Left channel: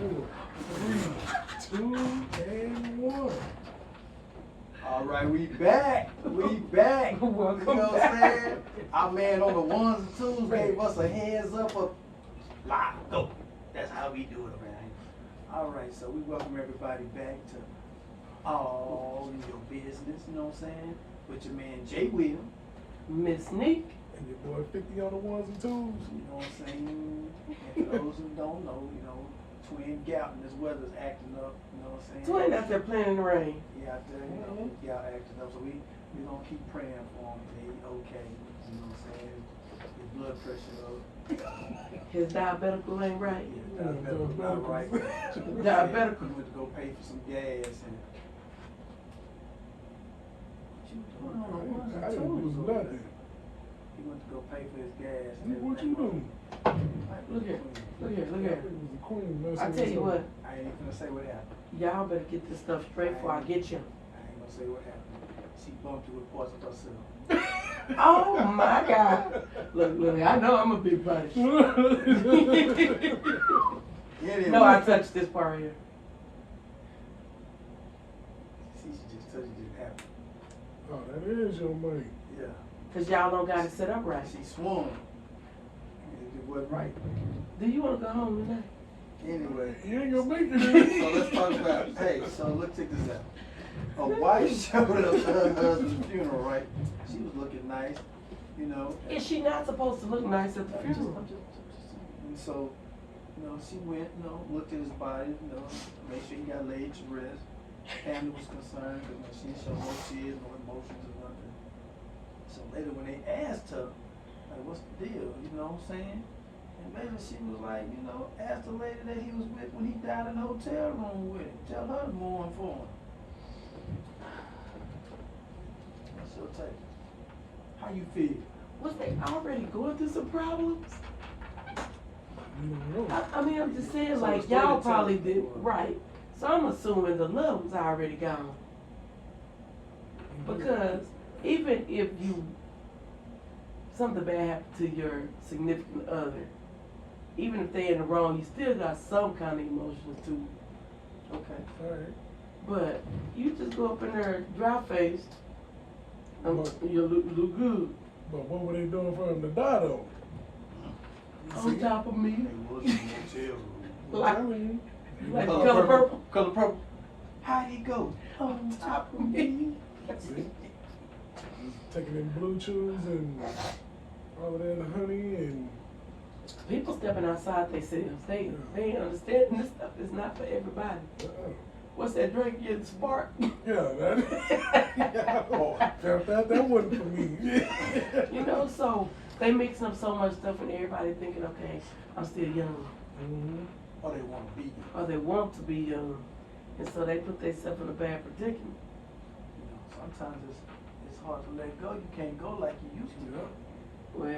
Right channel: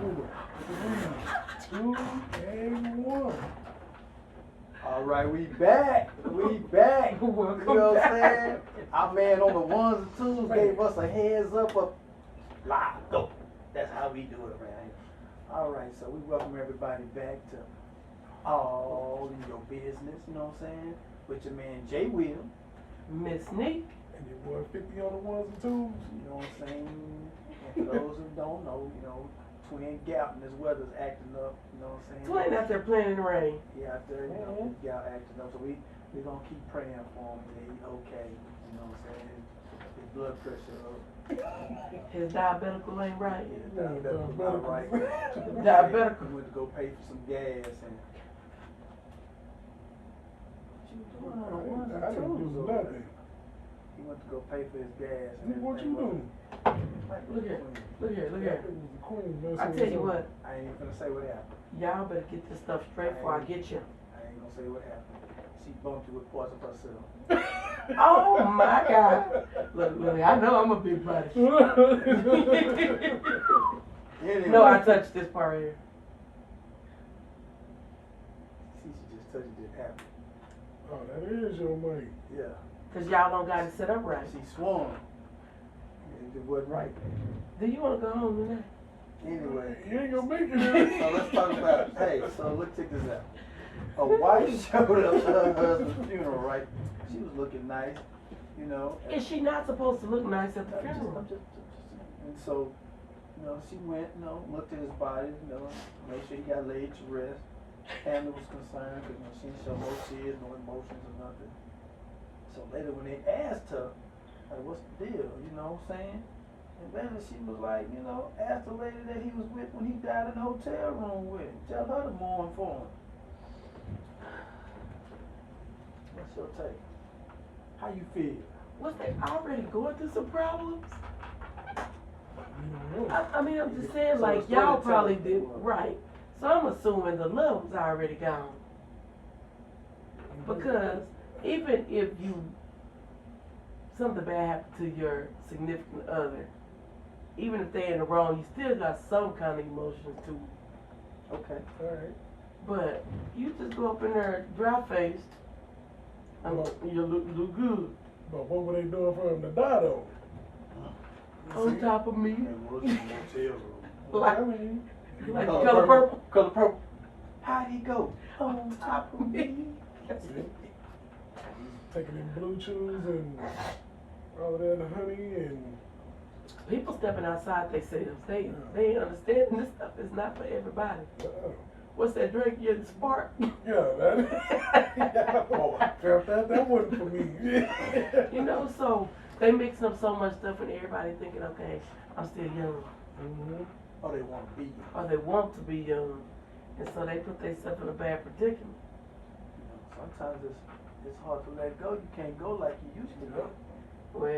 4, 3, 2, and 1. All right, we back. We back. Welcome you know what I'm back. saying? Our man on the ones and twos gave us a heads up of live. Go. That's how we do it, man. All right, so we welcome everybody back to All Your Business, you know what I'm saying? With your man Jay Will. Miss Nick. And your boy 50 on the ones and twos. You know what I'm saying? And for those who don't know, you know, Twin Galton, this weather's acting up, you know what I'm saying? Twin out there playing in the rain. Yeah, out there, you know, y'all acting up. So we gonna keep praying for him to be okay. You know what I'm saying? His blood pressure up. His diabetical ain't right. Yeah, diabetical not right. Diabetical. He went to go pay for some gas and what you doing? I didn't do nothing. He went to go pay for his gas and What you doing? Look here. Look here. Look here. Queen, I tell you what. I ain't gonna say what happened. Y'all better get this stuff straight before I get you. I ain't gonna say what happened. She bumped you with parts of herself. Oh my God. Look, I know I'm a big body. Anyway. No, I touched this part right here. See, she just touched it, didn't happen. Oh, that is your money. Yeah. Cause y'all don't got it set up right. She swung. And it wasn't right. Do you want to go home tonight? Anyway. You ain't gonna make it. So let's talk about, hey, so look, check this out. A wife showed up to her husband's funeral, right? She was looking nice, you know. Is she not supposed to look nice at the funeral? And so, you know, she went, you know, looked at his body, you know, made sure he got laid to rest. Family was concerned because she didn't show no tears, no emotions or nothing. So later when they asked her, like, what's the deal, you know what I'm saying? And later she was like, you know, asked the lady that he was with when he died in the hotel room with him. Tell her to mourn for him. What's your take? How you feel? Was they already going through some problems? You don't know. I mean, I'm just saying, So like, the y'all storytelling probably did, was- right. So I'm assuming the love was already gone. Because even if something bad happened to your significant other, even if they're in the wrong, you still got some kind of emotions too. Okay. All right. But you just go up in there dry faced, you look good. But what were they doing for him to die though? On top of me. They was in the motel room. Like- I mean, Like Color color purple. Color purple. How'd he go? On top of me. taking them blue chews and all of that honey and. People stepping outside themselves. They ain't understanding this stuff is not for everybody. What's that drink? Your spark? Yeah, that. Oh, that wasn't for me. You know, so they mixing up so much stuff and everybody thinking, okay, I'm still young. Mm-hmm. Oh, they want to be. Or they want to be young. And so they put themselves in a bad predicament. You know, sometimes it's hard to let go. You can't go like you used to. Well,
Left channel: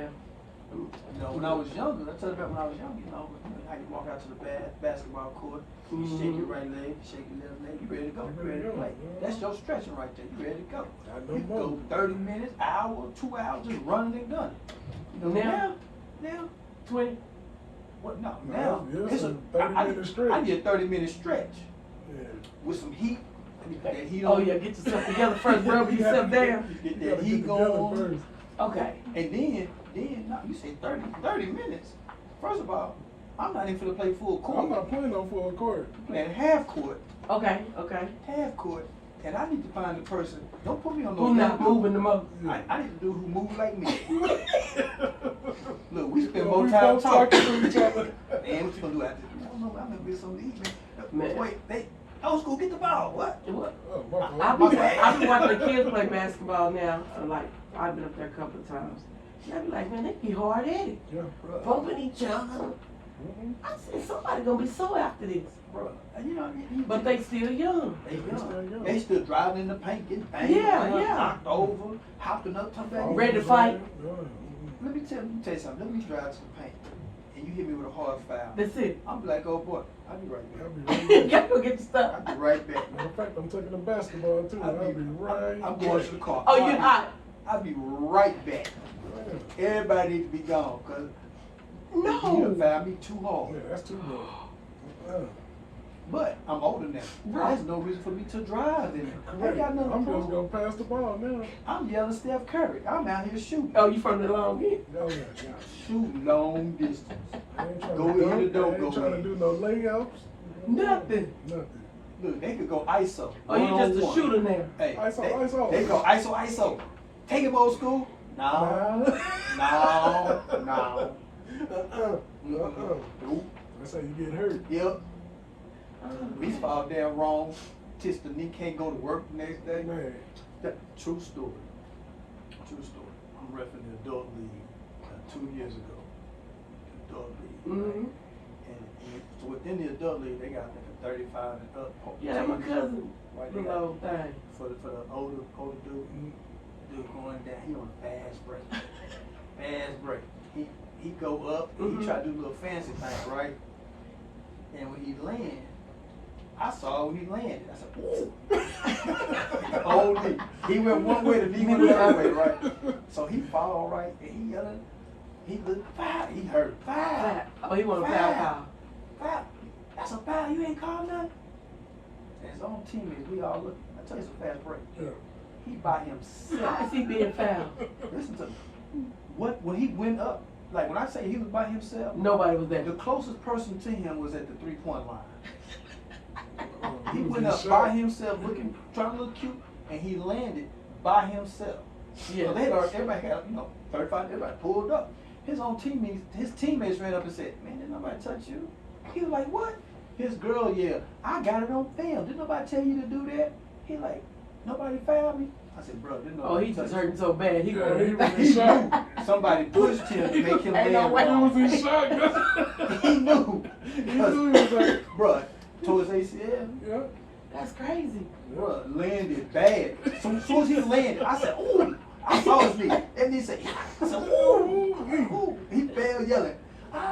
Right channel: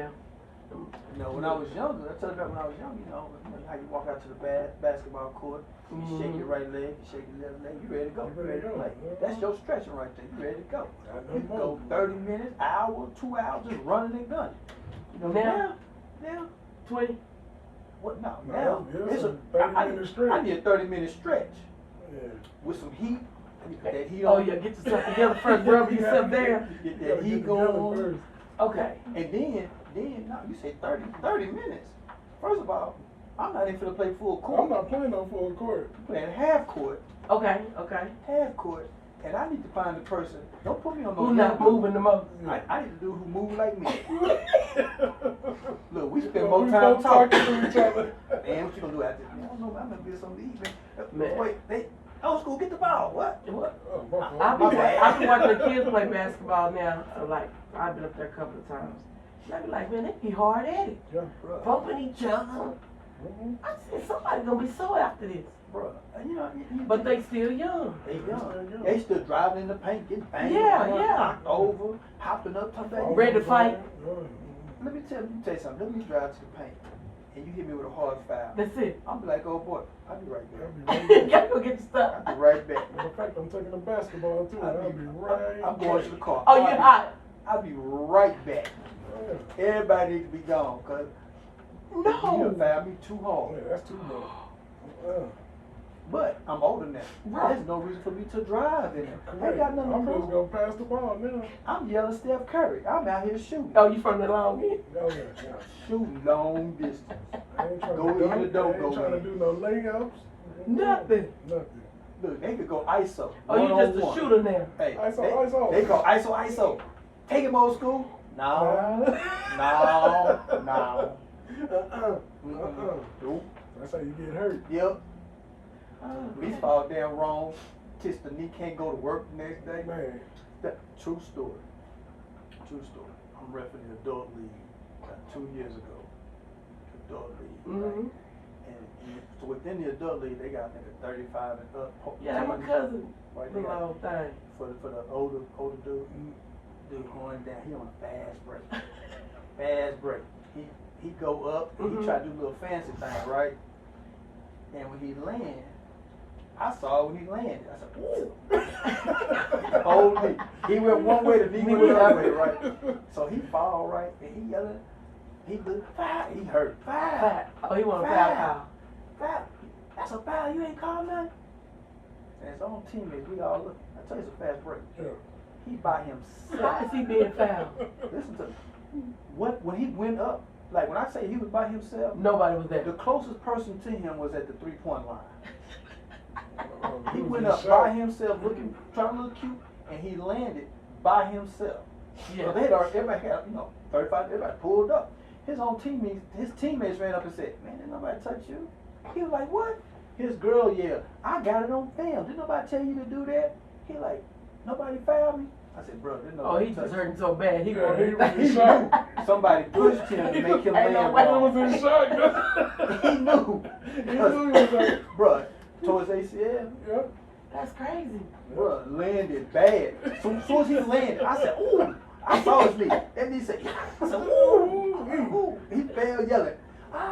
You know, when I was younger, I tell you about when I was young, you know how you walk out to the basketball court, you shake your right leg, you shake your left leg, you ready to go, you ready to play. That's your stretching right there, you ready to go. You can go 30 minutes, hour, 2 hours, just running and gunning. You know, now, 20. what, no, No, now, yeah, it's a, some 30-minute stretch. I need a 30-minute stretch Yeah. with some heat. Let me put that heat Oh on. yeah, get yourself together first, rub yourself down. Get You that gotta heat get together going. first. Okay. And then, no, you say 30 minutes. First of all, I'm not even finna play full court. I'm not playing on full court. I'm playing half court, Okay. and I need to find a person. Don't put me on no. Who not moving the most? I need to do who move like me. Look, we spend Yeah, more we time both talking. to each other. Man, what you gonna do after this? Man, I don't know. I'm gonna get something to eat, man. Man. Wait, they old school, get the ball. What? What? Oh, my fault. I be watching the kids play basketball now. Like, I've been up there a couple of times. And I be like, man, they be hard at it. Yeah. Bumping each other. Mm-hmm. I said, somebody gonna be so after this. Bro, you know, But they still young. They still young. They still driving in the paint, getting banged, Yeah, around, yeah. knocked over, hopping up, come back. Ready to fight. Let me tell you something. Let me drive to the paint, and you hit me with a hard foul. That's it. I'm be like, oh boy, I'll be right I'll back. be You right gotta back. go get your stuff. I'll be right back. Matter of fact, I'm taking the basketball too. I'll be right I'm going back. to the car. Oh, you hot? I'll be right back. Yeah. Everybody needs to be gone, cause you No. done found me too hard. Yeah, that's too much. But I'm older now. Right. There's no reason for me to drive in there. I Correct. ain't got nothing I'm to just prove. gonna pass the ball now. I'm yelling Steph Curry. I'm out here shooting. Oh, you from the long end? Oh yeah, yeah. Shoot long distance. I ain't trying Go to in dunk, the door, I go ain't trying to in. do no layups. Nothing. Nothing. Look, they could go ISO. Oh, you just a one-on-one. shooter now. Hey, ISO. They go ISO. Take him old school. No. No. Nope. That's how you get hurt. Yep. Oh, We fall down wrong. Tis the knee can't go to work the next day. Man. True story. True story. I'm repping the adult league 2 years ago. Adult league. Mm-hmm. And so within the adult league, they got like a 35 and up. Yeah, that's my cousin. Right Little there. old thing. For the older dude. Dude going down, he on a fast break. Fast break. He go up, and he try to do a little fancy thing, right? And when he land, I saw when he landed. I said, "Ooh!" Holy, he went one way, the knee went the other way, right? So he fall right, and he yelling. He looked foul. He hurt foul. Oh, he want a foul call. Foul. That's a foul. You ain't called nothing. And his own teammates, we all look. I tell you, it's a fast break. Yeah. He by How himself. is he being fouled? Listen to me. When he went up, like when I say he was by himself, Nobody was there. the closest person to him was at the 3-point line. He was went getting up shot. by himself, trying to look cute, and he landed by himself. Yeah. So they had already, everybody had, 35, everybody pulled up. His teammates ran up and said, "Man, didn't nobody touch you?" He was like, "What?" His girl yelled, "I got it on film. Didn't nobody tell you to do that?" He like, "Nobody fouled me." I said, "Bro, didn't Oh, nobody he touch just you." hurting so bad. He Yeah, going he to was He in shock. knew somebody pushed him to make him Ain't no land way. He wrong. was in shock. He knew. He knew he was like, Bruh, towards ACL, yeah. That's crazy. bruh, landed bad. So as soon as he landed, I said, "Ooh!" I saw his knee. And he said, I said, "Ooh!" Ooh. He fell yelling.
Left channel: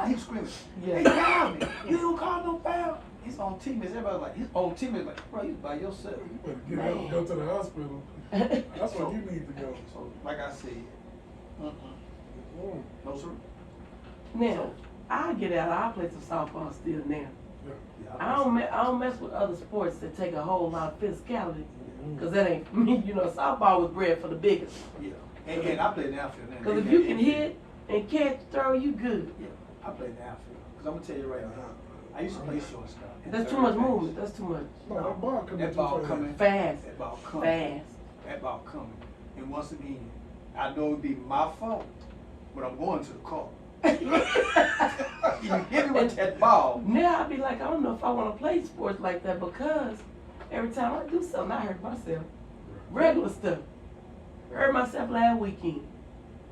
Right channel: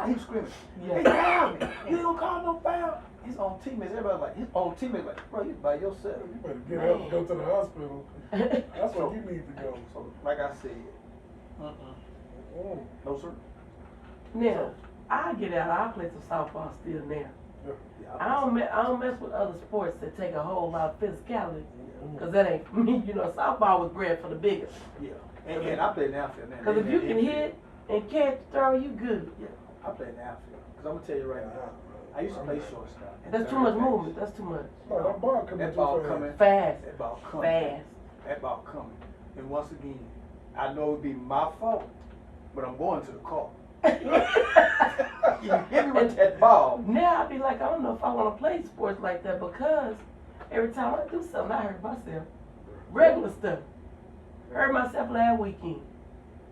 He was screaming. Yeah. "They fouled me. You don't call no foul." His own teammates, everybody was like, his own teammates like, "Bro, you by yourself." You better get up and go to the hospital. That's where you need to go. So, like I said, no sir. Now, I get out. I play some softball still now. Yeah, I don't mess with other sports that take a whole lot of physicality, cause that ain't for me. Softball was bred for the biggest. Yeah. And I play in the outfield now. Cause if you can hit and catch, throw, you good. Yeah, I play in the outfield. Cause I'm gonna tell you right now, I used to play shortstop. and That's too third much base. movement. That's too much. No, that ball coming That too ball fast. coming. Fast. That ball coming. Fast. That ball coming. And once again, I know it'd be my fault, but I'm going to the car. You hit me with that ball. Now I be like, I don't know if I want to play sports like that because every time I do something, I hurt myself. Regular stuff. Hurt myself last weekend.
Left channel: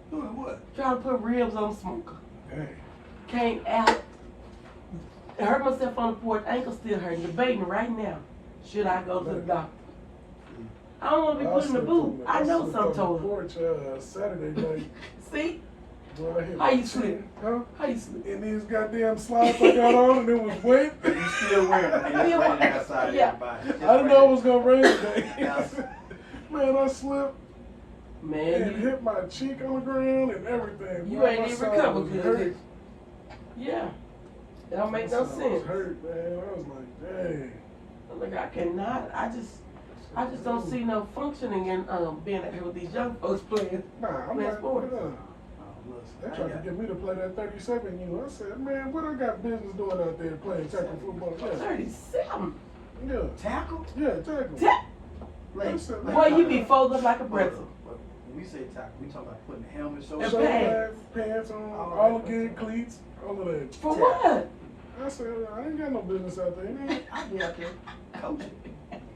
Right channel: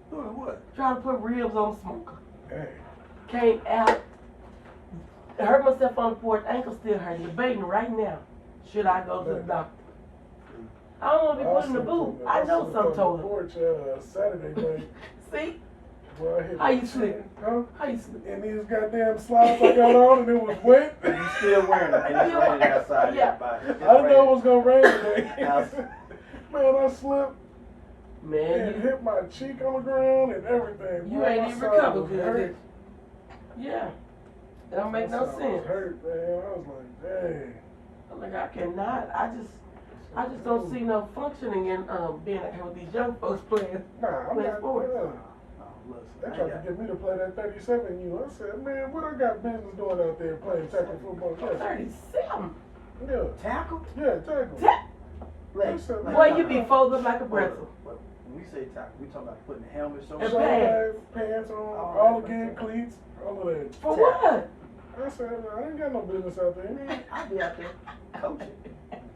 Doing what? Trying to put ribs on the smoker. Hey. Came out. Hurt myself on the porch. Ankle still hurting. Debating right now. Should I go to the doctor? I don't want to be put in the boot. I know some told him. Porch Saturday night. See? Boy, I hit How my you chin. sleep? Huh? How you sleep? And these goddamn slides I got on and it was wet. And you still wearing them, and it's raining outside, Yeah. everybody. I didn't know it was gonna rain today. Yes. Man, I slipped and Man, hit my cheek on the ground and everything. you Boy, ain't my even side recovered was good. hurt. did you? Yeah. It don't make My no side was sense. hurt, man. I was like, dang. Like I cannot. I just don't see no functioning in being out here with these young folks playing. Nah, I'm Playing not. sports. Yeah. Oh, They listen, tried to get me to play that 37U. I said, man, what I got business doing out there playing tackle football? Yeah, 37. yeah, tackle? yeah, tackle. Like, Boy, you be folded up like a pretzel. When we say tackle, we talking about putting the helmet, And Shoulder pants. pads, pants on, Oh, all okay. again, cleats, all of that. For what? I said, I ain't got no business out there. Man, I be out there coaching.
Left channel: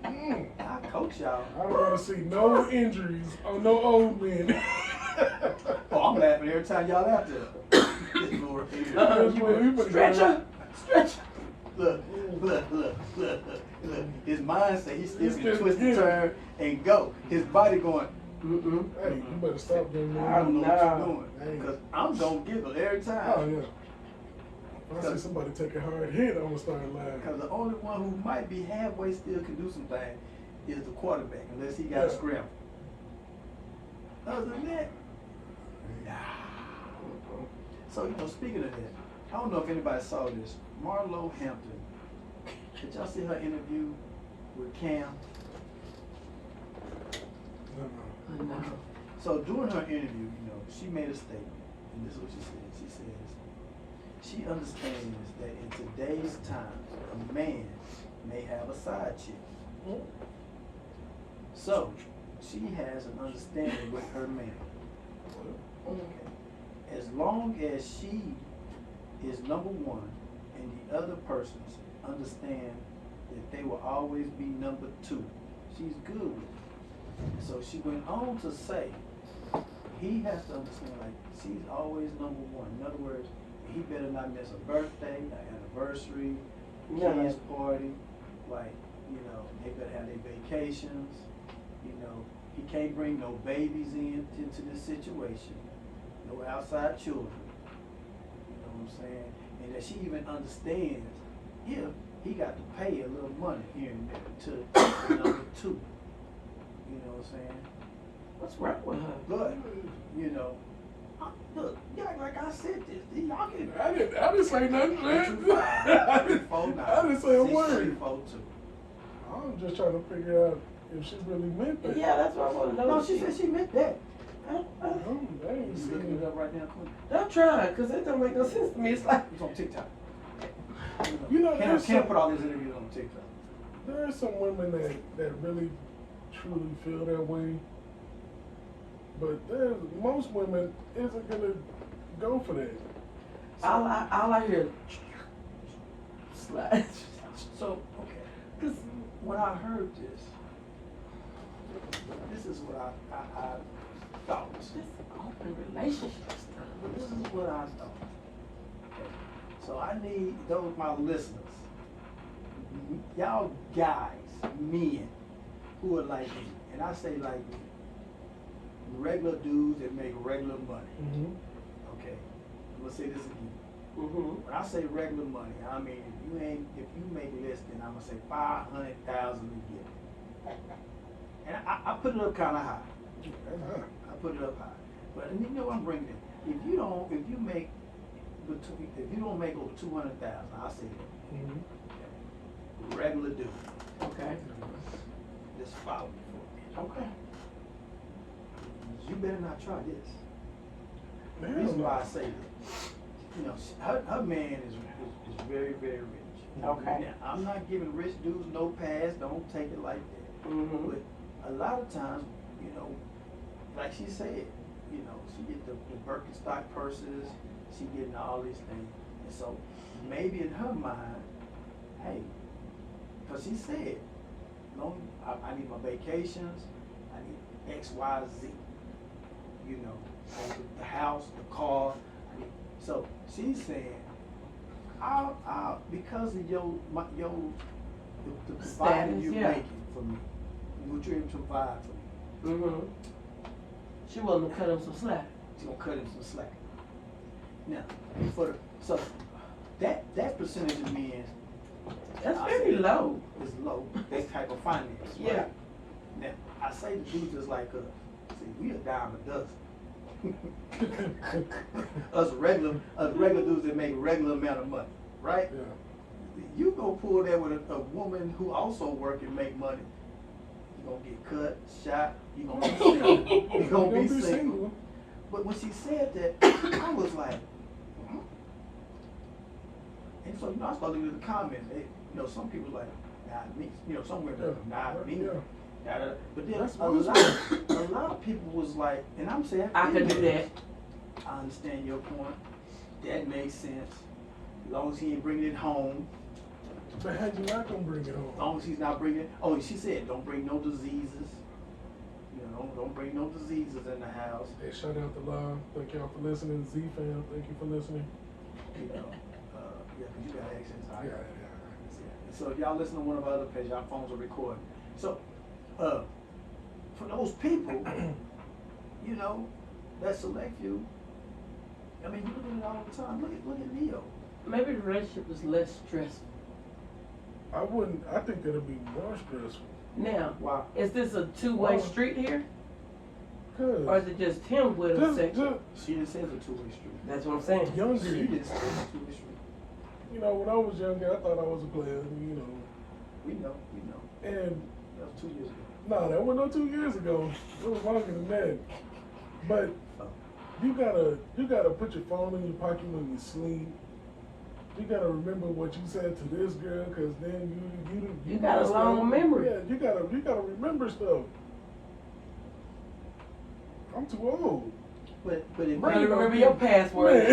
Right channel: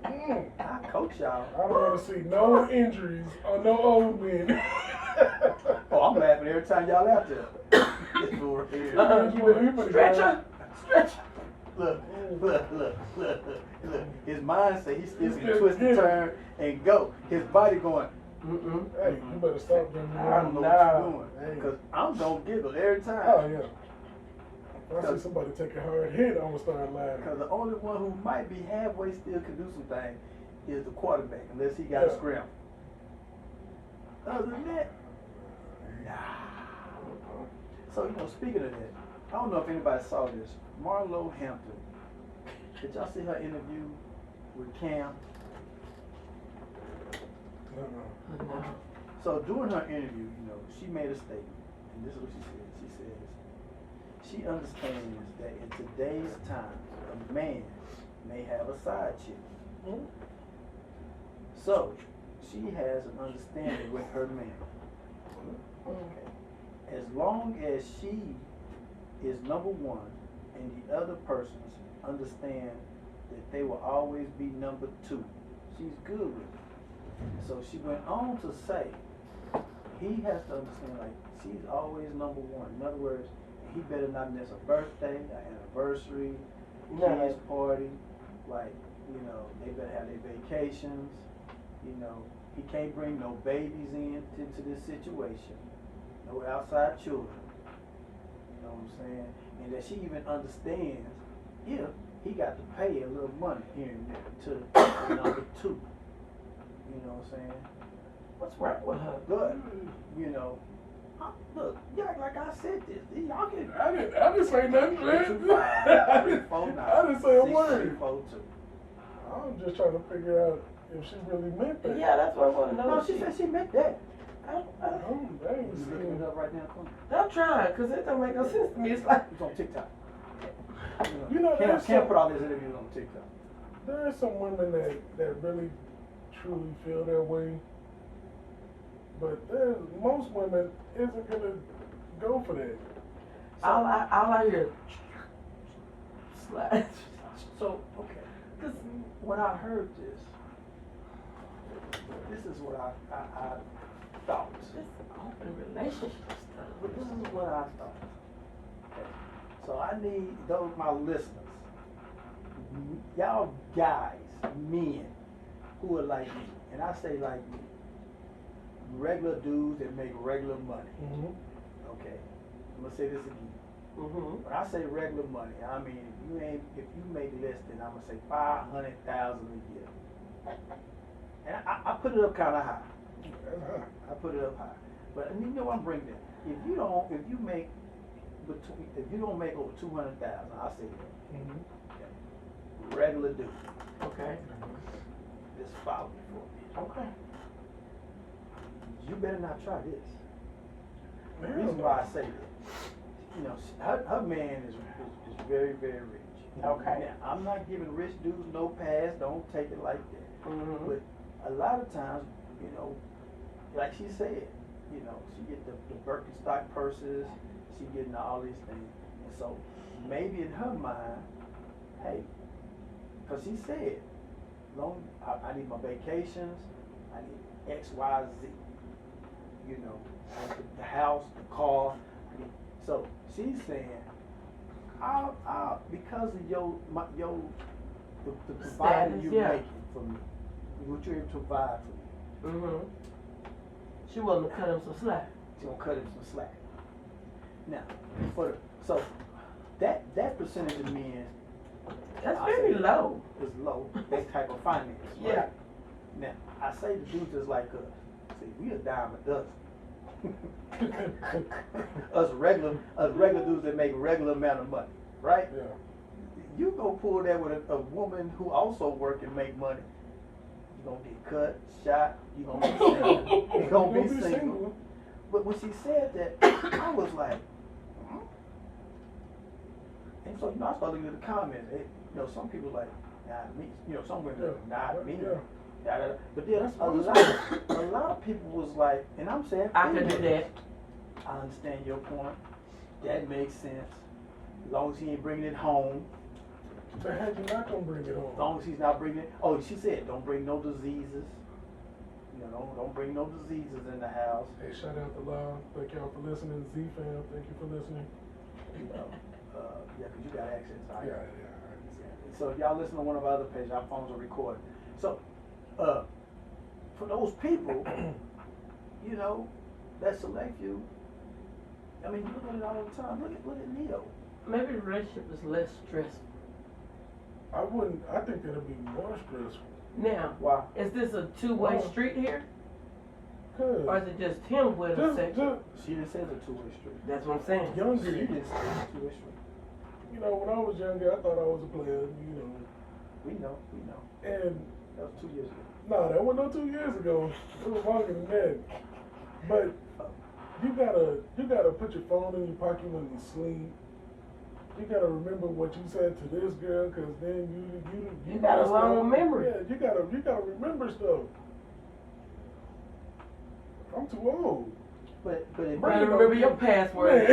Mm. I coach y'all. I don't want to see no injuries on no old men. Oh, I'm laughing every time y'all out there. This fool right here. You Stretcher. Stretcher. Look. His mind say he still He can still twist get and it. turn and go. His body going, Mm-mm. Hey, you better stop doing I that. don't know what Nah. you're doing. Hey. Because I'm going to giggle every time. Oh, yeah. If I see somebody take a hard hit, I'm going to start laughing. Because the only one who might be halfway still can do some things is the quarterback, unless he got a Yeah. scramble. Other than that, nah. So, speaking of that, I don't know if anybody saw this. Marlo Hampton Did y'all see her interview with Cam? No. No. So during her interview, you know, she made a statement, and this is what she said. She says, she understands that in today's times, a man may have a side chick. Mm. So, she has an understanding with her man. Okay. As long as she is number one and the other persons understand that they will always be number two, she's good with it. So she went on to say, he has to understand, like, she's always number one. In other words, he better not miss a birthday, an anniversary, kids party. Like, you know, they better have their vacations. You know, he can't bring no babies into this situation, no outside children. You know what I'm saying? And that she even understands if he got to pay a little money here and there to number two. You know what I'm saying? What's wrong with her? But, you know, look, like I said this, y'all can. I didn't say nothing, man. I didn't say a word. I'm just trying to figure out if she really meant that. Yeah, that's what I want to know. No, she said she meant that. I ain't You seen looking it. it up right now, Quinn? I'm trying, because it don't make no sense to me. It's like, It's on TikTok. You know, there's can't some- put all these interviews on TikTok. There are some women that really truly feel that way, but there's most women isn't gonna go for that. all I hear is slide. So, okay. Cause When I heard this is what I thought. this open relationship stuff. But this is what I thought. Okay. So I need those my listeners, y'all guys, men who are like me, and I say like me, regular dudes that make regular money. Mm-hmm. Okay. I'm gonna say this again. Mm-hmm. When I say regular money, I mean if you make less than, I'm gonna say 500,000 a year. And I put it up kind of high. I put it up high. But you know I'm bringing it. If you don't make over 200,000, I'll say that. Mm-hmm. Regular dude. Okay. Just follow me for a minute. Okay. You better not try this. The Hell reason no. why I say that, you know, her man is very, very rich. Okay. Now, I'm not giving rich dudes no pass. Don't take it like that. Mm-hmm. But a lot of times, you know, like she said, you know, she get the Birkenstock purses, she getting all these things. And so maybe in her mind, hey, because she said, I need my vacations, I need X, Y, Z. You know, the house, the car. So she's saying, I'll because of the providing Status, you're yeah. making for me, what you're able to provide for me, Mm-hmm. She willing to cut him some slack. she's gonna cut him some slack. Now, so that percentage of men That's I very say low. is low. That type of finance. Right? Yeah. Now I say the dudes just like us. See, we a dime a dozen. us regular dudes that make regular amount of money, right? Yeah. You go pull that with a woman who also work and make money. You gonna get cut, shot. You gonna be single. You gonna be single. But when she said that, I was like, hmm? And so, you know, I started looking at the comments. You know, some people like, not me. You know, some women, not me. Yeah. Da-da-da. But then That's a lot of people was like, and I'm saying, I could do that. I understand your point. That makes sense. As long as he ain't bringing it home. But how you not gonna bring it As home? long as he's not bringing, oh, she said, don't bring no diseases. You know, don't bring no diseases in the house. Hey, shout out to Law. Thank y'all for listening. Z fam, thank you for listening. You know, yeah, because you got access. Right? Yeah. So if y'all listen to one of our other pages, our phones are recording. So, for those people, you know, that select few, I mean, you look at it all the time. Look at Neo. Maybe the relationship is less stressful. I think it'll be more stressful. Now, Wow. is this a two-way Wow. street here? Cause Or is it just him with a section? She didn't say it's a two-way street. That's what I'm saying. young She people, didn't say it's a two-way street. you know, when I was younger, I thought I was a player, you know. We know. And That was 2 years ago. no, that wasn't no 2 years ago. It was longer than that. But you gotta put your phone in your pocket when you sleep. You gotta remember what you said to this girl, cause then You got a long memory. Yeah, you gotta remember stuff. I'm too old. But if You gotta remember your password.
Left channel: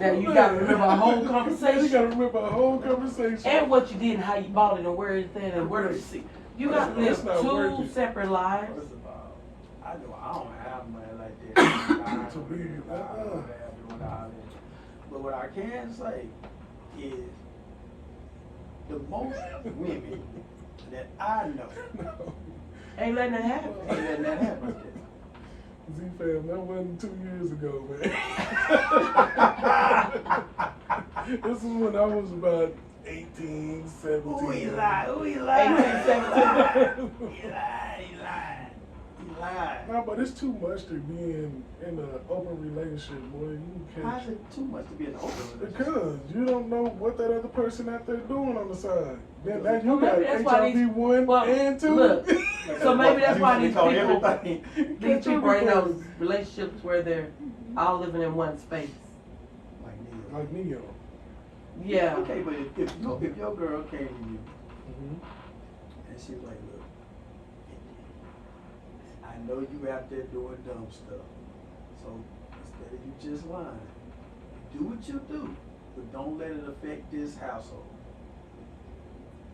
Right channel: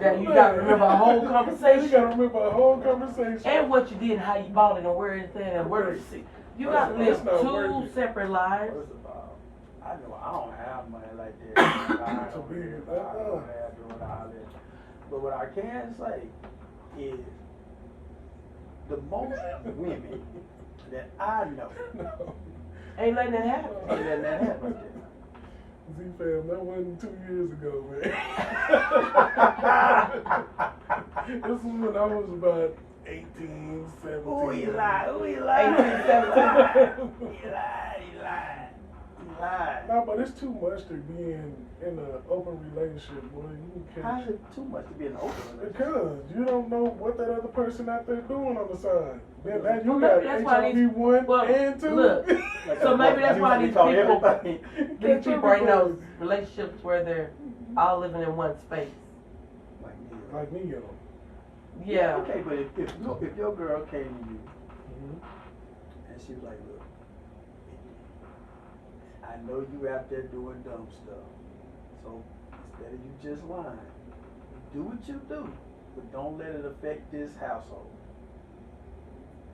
Now you Man. gotta remember a whole You conversation. gotta remember a whole conversation. And what you did, and how you bought it, and where it's at, and where it's. You got to live That's not two worth it. separate lives. First of all, I know I don't have money like that. To be, doing all that. But what I can say is the most women that I know No. Ain't letting it happen. ain't letting that happen. Z-Fam, that wasn't 2 years ago, man. This was when I was about 18, 17. Ooh, he lied. 18, 17. He lied. No, but it's too much to be in an open relationship, boy. You How's can't. it too much to be an open relationship? Because you don't know what that other person out there doing on the side. Then now you Well, got maybe that's why HIV 1 well, and 2. look, so maybe that's why these Call people, everything. these people are in those relationships where they're all living in one space. Like me. Like Neo. Yeah. Okay, but if your girl came to you Mm-hmm. and she was like, look, I know you out there doing dumb stuff. So instead of you just lying, do what you do, but don't let it affect this household.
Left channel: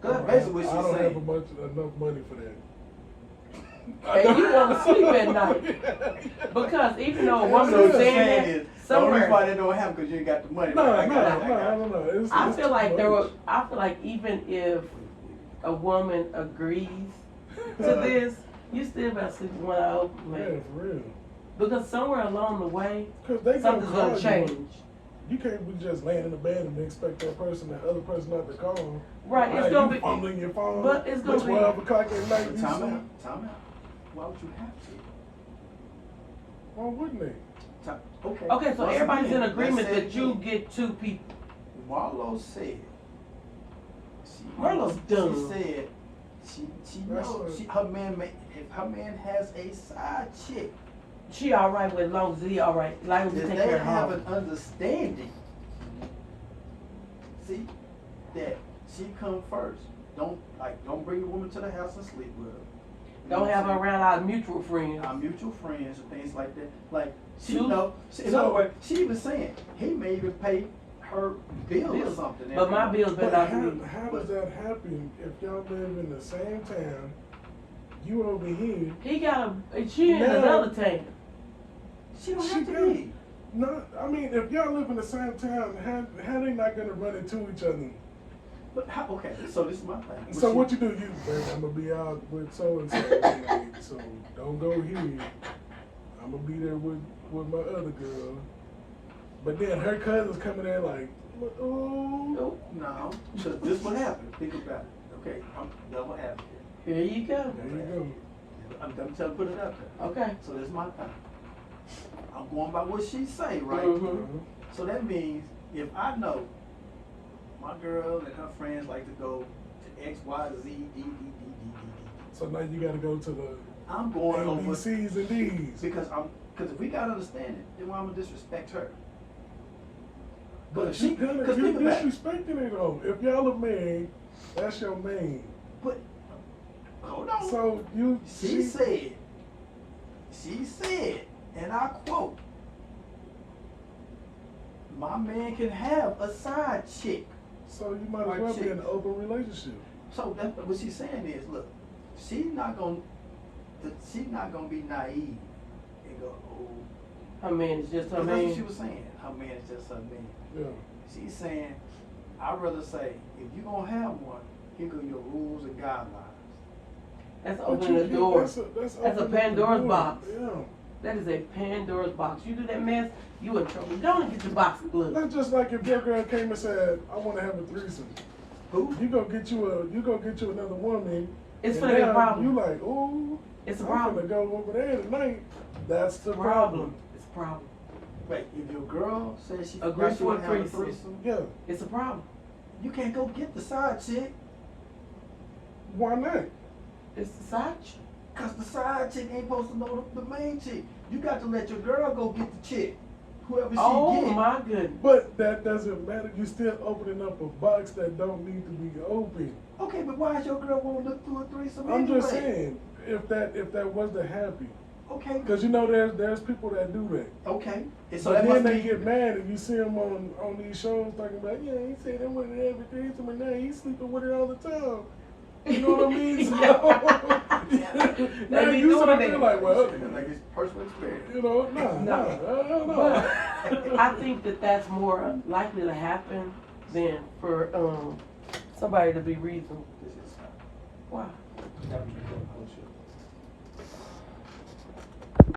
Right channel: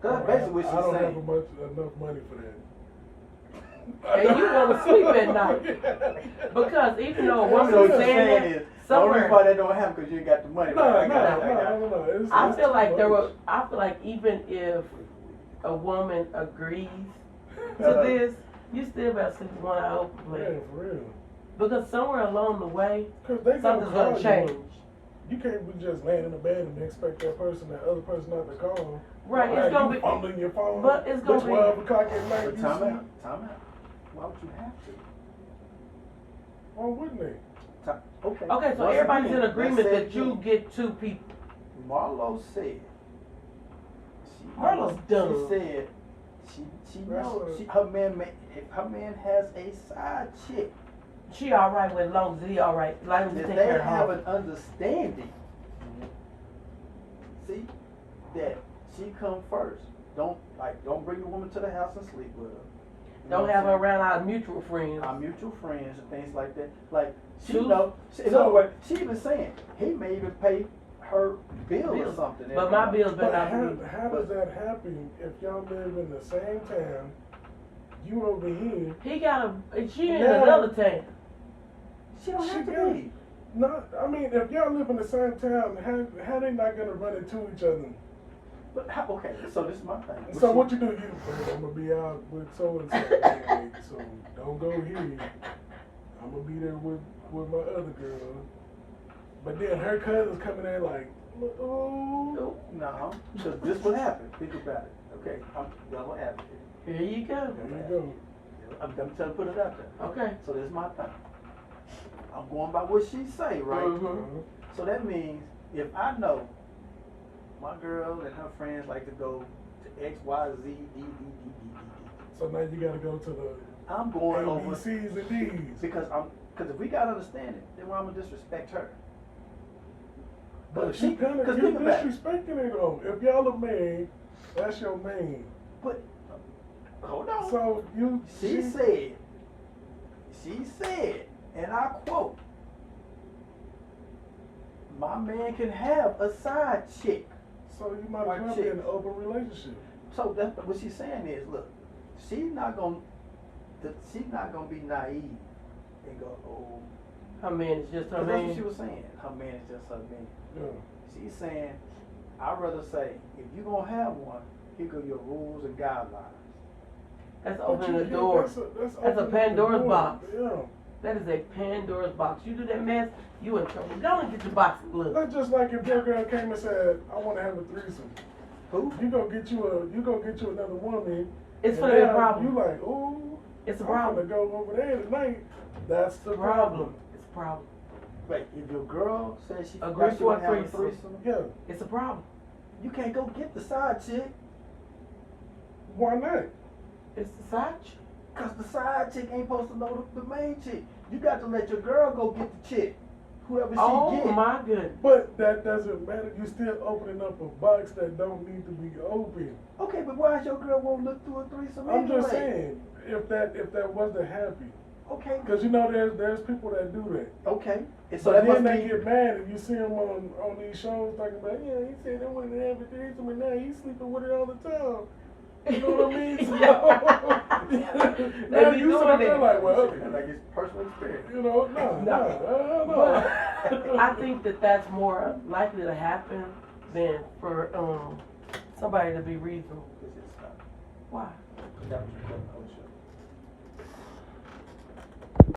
Cause that's basically what I don't she's have saying. enough money for that. And you want to sleep at night. Because even though a woman So is what you're saying saying that, is, the only reason why somewhere, that don't happen because you ain't got the money. No, I got it. I feel like there were. were, I feel like even if a woman agrees to this, you still better sleep with one eye open, Yeah, man. for real. Because somewhere along the way, Because they something's call gonna you. change. You can't be just laying in the bed and expect that other person not to call. Right, it's Like, gonna you be, fumbling your phone. but it's gonna It's be- 12 o'clock at night. You Time sleep. out. Why would you have to? Why wouldn't they? Okay. okay, so Once everybody's again, in agreement let's say that you again, get two people. Marlo said. Marlo's dumb. She said she That's knows right. if her man has a side chick, She alright with, as long as he alright, as long as he that take they care of have her. an understanding. See, that she come first. Don't bring the woman to the house and sleep with her. You know Don't what have her I'm saying? around our mutual friends. Our mutual friends and things like that. Like she Two- know. In so- other words, she even saying he may even pay her bill or Bills. something. But my bills But better not be. how does that happen if y'all live in the same town? You over here. He got she in Now- another town. She don't She have to got- be. Not, I mean, if y'all live in the same town, how they not gonna run into each other? But okay, so this is my thing. So what you do? You, babe, I'm gonna be out with so and so tonight, so don't go here. I'm gonna be there with my other girl. But then her cousins coming there like, oh. No, because this what happened. Think about it. Okay, I'm double advocate. Here you go. There you go. I'm trying to put it out there. Okay. So this is my thing. I'm going by what she say, right? Mhm. So that means if I know my girl and her friends like to go to X, Y, Z, D, D, D, D, D, D. So now you gotta go to the I'm going over ABCs and D's. because if we got understanding, then why I'm gonna disrespect her? But if you kinda, because you think about it. disrespecting it though. If y'all are married, that's your man. But hold on. So you, She said, and I quote, my man can have a side chick. so you might as Right, well be chick. in an open relationship. So that's what she's saying is, look, she's not gonna be naive and go, oh. Her man is just her Because that's what she man. was saying. Her man is just her man. Yeah. She's saying, I'd rather say, if you're gonna have one, here go your rules and guidelines. That's But opening you the can't- door. That's That's a opening the Pandora's door. box. Yeah. That is a Pandora's box. You do that mess, you in trouble. Go and get your box of gloves. That's just like if your girl came and said, I want to have a threesome. Who? You go get you another woman. It's and gonna be a now problem. You like, ooh, It's a I'm gonna problem. go over there tonight. That's the Problem. problem. It's a problem. Wait, if your girl says she Agree forgot she for a wanna have a threesome. threesome, Yeah. It's a problem. you can't go get the side chick, Why not? It's the side chick. cause the side chick ain't supposed to know the main chick. You got to let your girl go get the chick, whoever she Oh get. my goodness. But that doesn't matter. You still opening up a box that don't need to be open. Okay, but why is your girl won't look through a threesome I'm anyway? just saying, if that was to happen, Okay, because you know there's people that do that. okay. And So that then must they mean- get mad if you see them on these shows talking about, yeah, he said they wanted to have a threesome and now he's sleeping with her all the time. You know what I mean? So, now They be you doing sitting that. there like, well, like it's personal experience. you know, no. But I think that's more likely to happen than for somebody to be reasonable. Why? That was